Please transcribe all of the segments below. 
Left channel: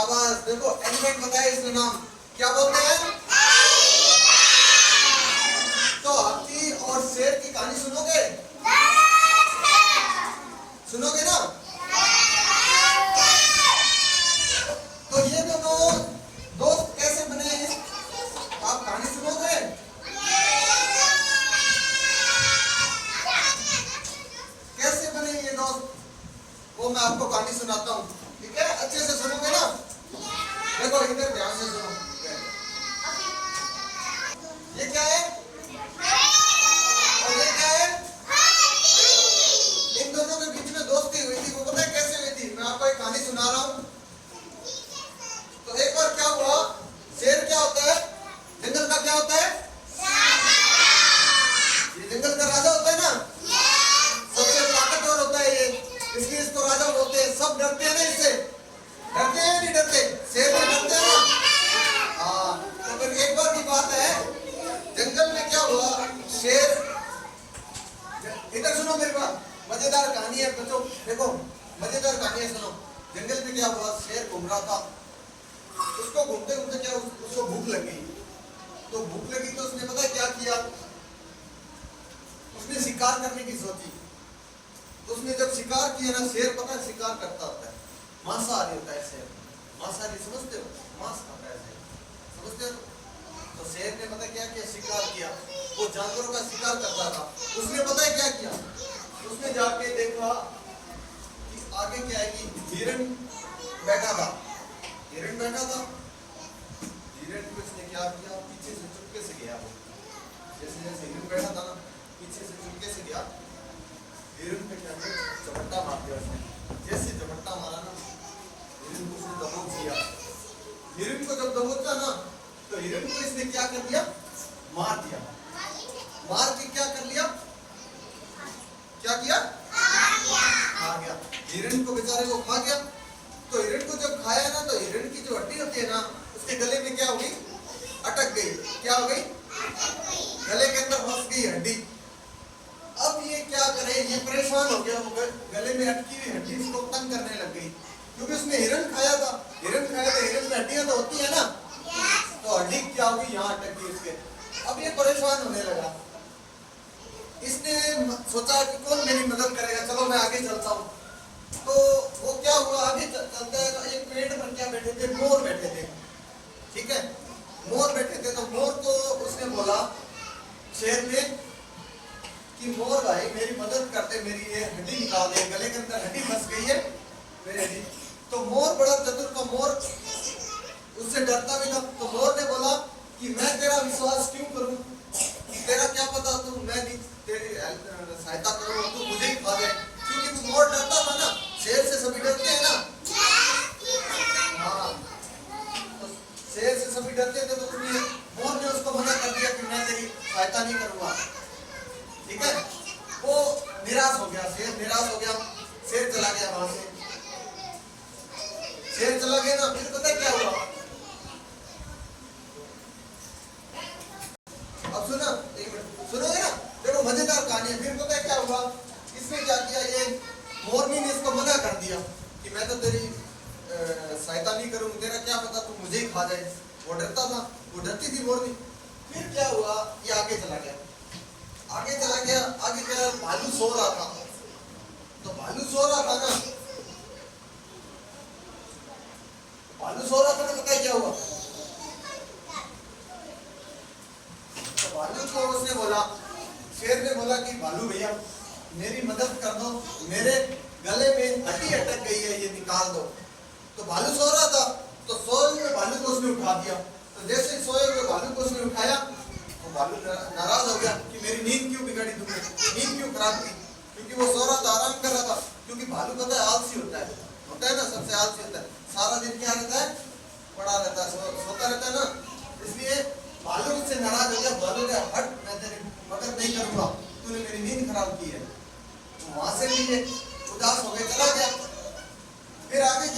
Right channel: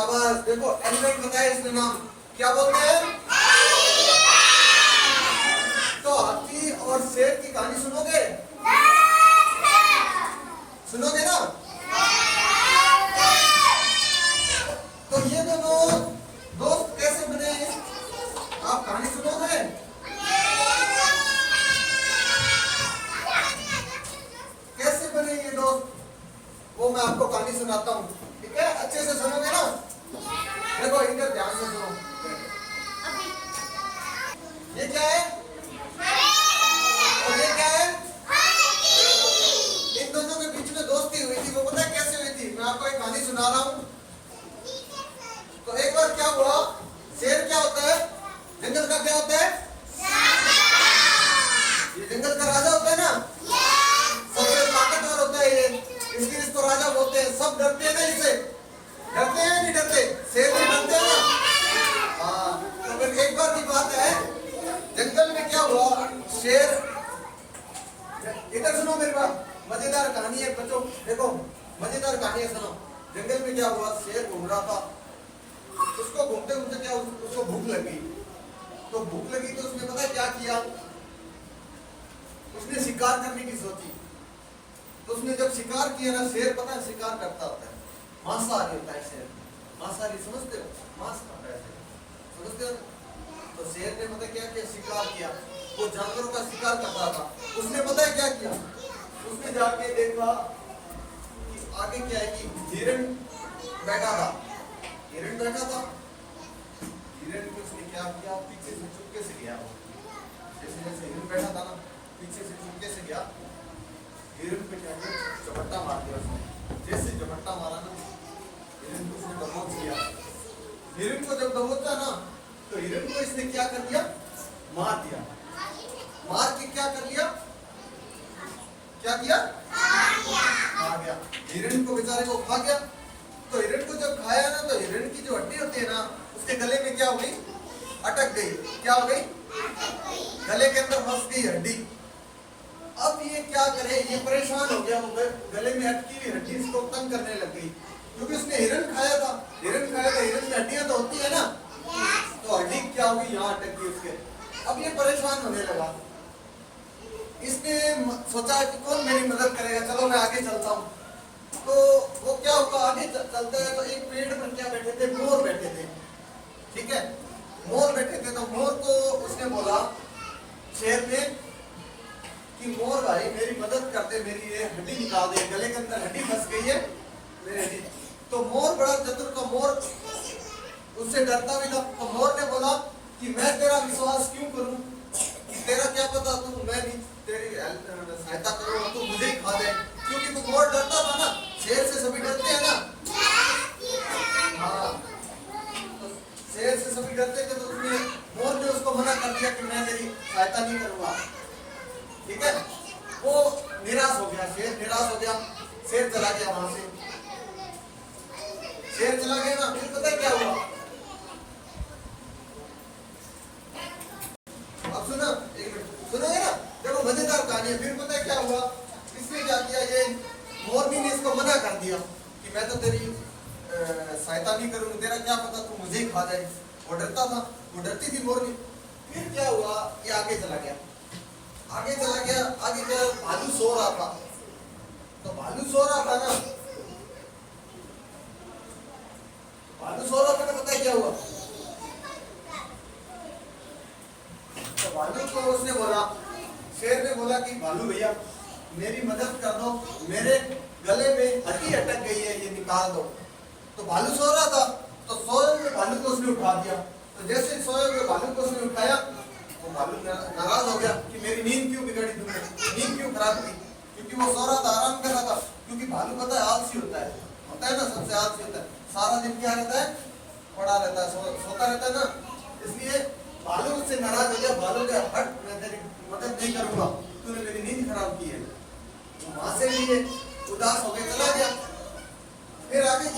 शाबाश। देखो एलिफेंट बताया इसका नाम क्या बोलते हैं? तो हाथी और शेर की कहानी सुनोगे? सुनोगे ना? तो ये दोनों दोस्त कैसे बने, आप कहानी सुनोगे? कैसे बने ये दोस्त, वो मैं आपको कहानी सुनाता हूँ, ठीक है? अच्छे से सुनोगे ना? देखो इधर ध्यान से सुनो। ये क्या है और ये क्या है? इन दोनों के बीच में दोस्ती हुई थी। वो पता है कैसे हुई थी? मैं आपको एक कहानी सुना रहा हूँ। तो एक बार क्या हुआ, शेर क्या होता है? जंगल का क्या होता है? ये जंगल का राजा होता है ना, सबसे ताकतवर होता है ये, इसलिए इसको राजा बोलते हैं। सब डरते हैं ना इससे, डरते हैं नहीं डरते? शेर से डरते हैं ना? हाँ। तो फिर एक बार की बात है, जंगल में क्या हुआ, शेर, इधर सुनो मेरी बात, मजेदार कहानी है बच्चों, देखो मजेदार कहानी है, सुनो। जंगल में क्या हुआ, शेर घूम रहा था, उसको घूमते घूमते क्या उसको भूख लगी। तो भूख लगी तो उसने पता है क्या किया, उसने शिकार करने की सोची। तो उसने जब शिकार किया ना, शेर पता है शिकार करता होता है, मांसाहारी होता है शेर, मांसाहारी समझते हो, मांस खाता है शेर, समझते हो? तो शेर ने पता क्या किया, शिकार किया, वो जानवरों का शिकार करता था। उसने पता है क्या किया, उसने जाके देखा कि आगे क्या है कि हिरण बैठा था, हिरण बैठा था, हिरण को उसने क्या किया, पीछे से चुपके से गया, वो जैसे जैसे हिरण बैठा था ना, पीछे से चुपके से गया, हिरण पे क्या किया, झपट्टा मार दिया उसने। जैसे झपट्टा मारा ना, हिरण को उसने दबोच लिया। हिरण को जब दबोचा ना, तो हिरण को इसने क्या कर दिया, मार दिया। मार के क्या कर लिया, क्या किया, खा गया। हिरण को बेचारे को खा गया। तो हिरण को जब खाया ना, तो हिरण की जो हड्डी होती है ना, उसके गले में क्या हो गई, अटक गई। क्या हो गई, गले के अंदर फंस गई हड्डी। अब ये क्या करे, ये परेशान हो गया, गले में अटकी हुई हड्डी इसको तंग करने लग गई, क्योंकि उसने हिरण खाया था। हिरण खाया था, हिरण में हड्डियां तो होती है ना, तो हड्डी क्या होगी, यहाँ अटक गई उसके। अब ये परेशान होने लगा, इसने सोचा कि कौन मेरी मदद करेगा, चलो मैं आगे चलता हूँ। तो वो क्या हुआ, आगे चलते हैं तो एक पेड़ पर क्या बैठे थे, मोर बैठे थे, ठीक है? मोर बैठे थे। तो मोर को उसने बोला शेर ने कि मोर भाई मेरी मदद करते, मेरी ये हड्डी निकाल दे, गले के अंदर हड्डी फंस गई है मेरी हड्डी। तो मोर बड़ा चतुर था, मोर उससे डरता भी था। तो मोर ने बोला कि मैं तेरा विश्वास क्यों करूं, तेरा क्या पता तू, मैं भी तेरी सहायता करूं, तू मुझे ही खा दे। क्योंकि तू मोर डरता था ना, शेर से सभी डरते हैं ना, हाँ, शेर से सभी डरते थे। तो उसने, मोर ने उसको मना कर दिया कि मैं तेरी सहायता नहीं करूंगा, ठीक है? वो निराश हो गया, शेर निराश हो गया, शेर चला गया वहां से। शेर चला गया ना, फिर पता क्या हुआ, अब सुनो, एक मिनट सुनोगे ना, देखो मजेदार कहानी है। फिर पता है क्या हुआ, इसने क्या किया, ये मोरनी ने इसको मना कर दिया कि मैं तो तेरी सहायता नहीं करूंगी, तेरा क्या पता तू मुझे ही खा जाए। वो डरता था, वो डरती थी मोरनी। फिर क्या हुआ, ये आगे चला गया, आगे चला गया, आगे क्या, भालू सो रहा था। तो भालू सो रहा था ना, भालू सो रहा था ना, पता है क्या हुआ, तो भालू को उसने बोला, शेर ने बोला कि भालू भैया मेरी मदद कर दो, मेरे गले में हड्डी अटक गई है, ये निकाल दो। तो भालू सो रहा था, तो सोए हुए भालू को उसने उठा दिया। तो जैसे सोए हुए भालू को उसने उठाया, तो भालू नाराज हो गया कि मेरी नींद क्यों बिगाड़ी तुमने, नींद क्यों खराब की, क्योंकि वो सो रहा था, आराम कर रहा था। क्योंकि भालू पता है आलसी होता है ना, सबसे आलसी होता है, सारा दिन क्या रहता है, पड़ा रहता है, सोता रहता है ना, इसलिए भालू उससे नाराज हो गया। भालू क्या, हट, मैं तेरी मदद नहीं करूंगा, तूने मेरी नींद खराब की है। तो वहां से भी उदास हो गए, चला गया। फिर आगे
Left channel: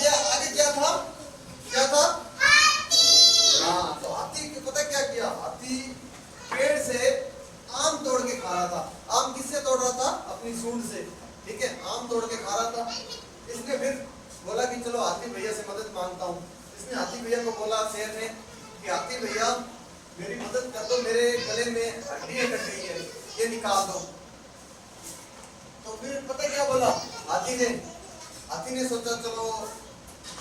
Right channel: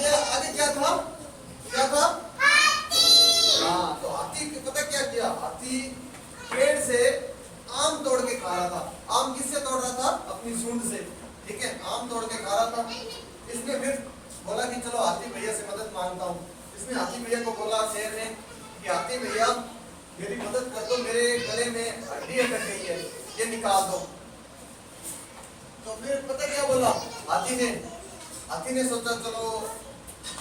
क्या था, क्या था, हाँ, तो हाथी पता क्या किया, हाथी पेड़ से आम तोड़ के खा रहा था। आम किससे तोड़ रहा था, अपनी सूंड से, ठीक है, आम तोड़ के खा रहा था। इसने फिर बोला कि चलो हाथी भैया से मदद मांगता हूँ। इसने हाथी भैया को बोला शेर ने कि हाथी भैया मेरी मदद कर दो, मेरे गले में हड्डी कट गई है, ये निकाल दो। तो फिर पता क्या बोला हाथी ने सोचा चलो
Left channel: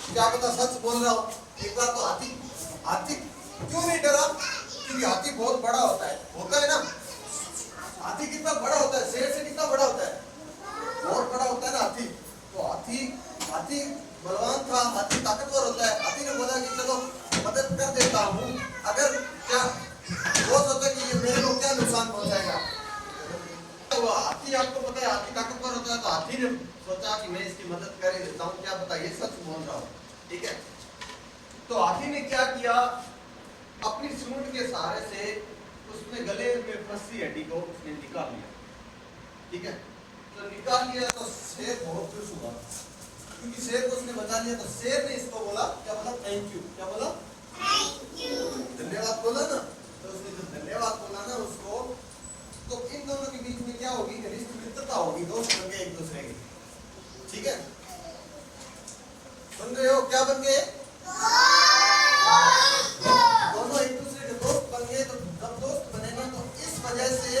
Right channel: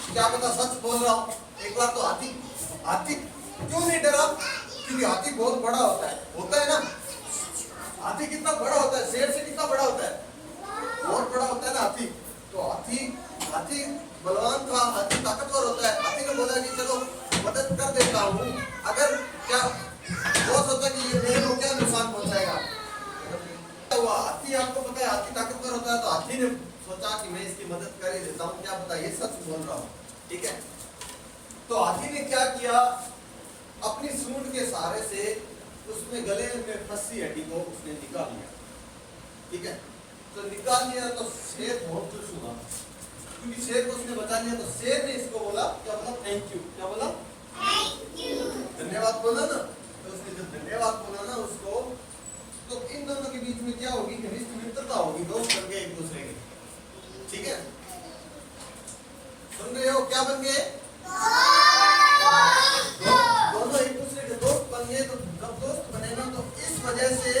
क्या पता सच बोल रहा हूँ। एक बार तो हाथी क्यों नहीं डरा, क्योंकि हाथी बहुत बड़ा होता है ना। हाथी कितना बड़ा होता है, शेर से कितना बड़ा होता है, बहुत बड़ा होता है ना हाथी। तो हाथी बलवान था, हाथी ताकतवर होता है। हाथी ने बोला कि चलो मदद कर देता हूँ, अगर क्या वो सोचा कि ये मेरे को क्या नुकसान पहुंचाएगा। तो हाथी आपको पता है हाथी ताकतवर होता है, तो हाथी ने सोचा कि मैं इसकी मदद कर ही देता हूँ, क्या पता ये सच बोल रहा हूँ। ठीक है, तो हाथी ने क्या किया, अपनी सूंड के सहारे से उसने गले में फंसी हड्डी को उसने निकाल लिया। ठीक है, तो निकाल लिया तो शेर बहुत खुश हुआ, क्योंकि शेर को उसने बचा लिया। तो शेर ने इसको बोला, क्या बोला, थैंक यू। क्या बोला, थैंक यू, धन्यवाद बोला ना। तो उसने जो धन्यवाद बोला ना उसको, तो इन दोनों के बीच में क्या होगी, घनिष्ठ मित्रता होगी, दोस्त बन गए एक दूसरे के। ठीक है, सुन रहे हो, क्या बन गए, दोनों एक दूसरे के दोस्त बन गए। तो जब दोस्त बने ना, तो इस वजह से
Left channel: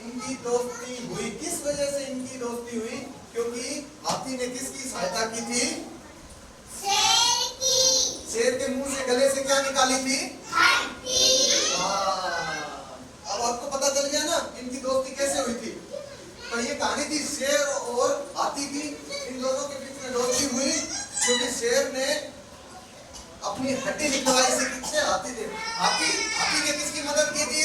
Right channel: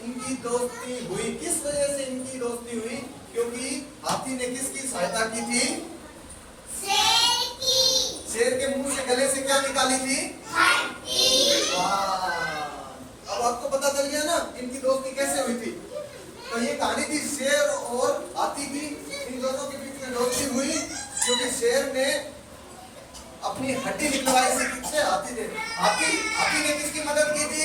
इनकी दोस्ती हुई। किस वजह से इनकी दोस्ती हुई, क्योंकि हाथी ने किसकी सहायता की थी, शेर की। शेर के मुंह से गले से क्या निकाली थी, हड्डी। अब आपको पता चल गया ना इनकी दोस्ती कैसे हुई थी। तो ये कहानी थी शेर और हाथी की, इन दोनों के बीच में दोस्ती हुई क्योंकि शेर ने अपनी हड्डी निकलवाई। हाथी ने किसकी मदद की थी,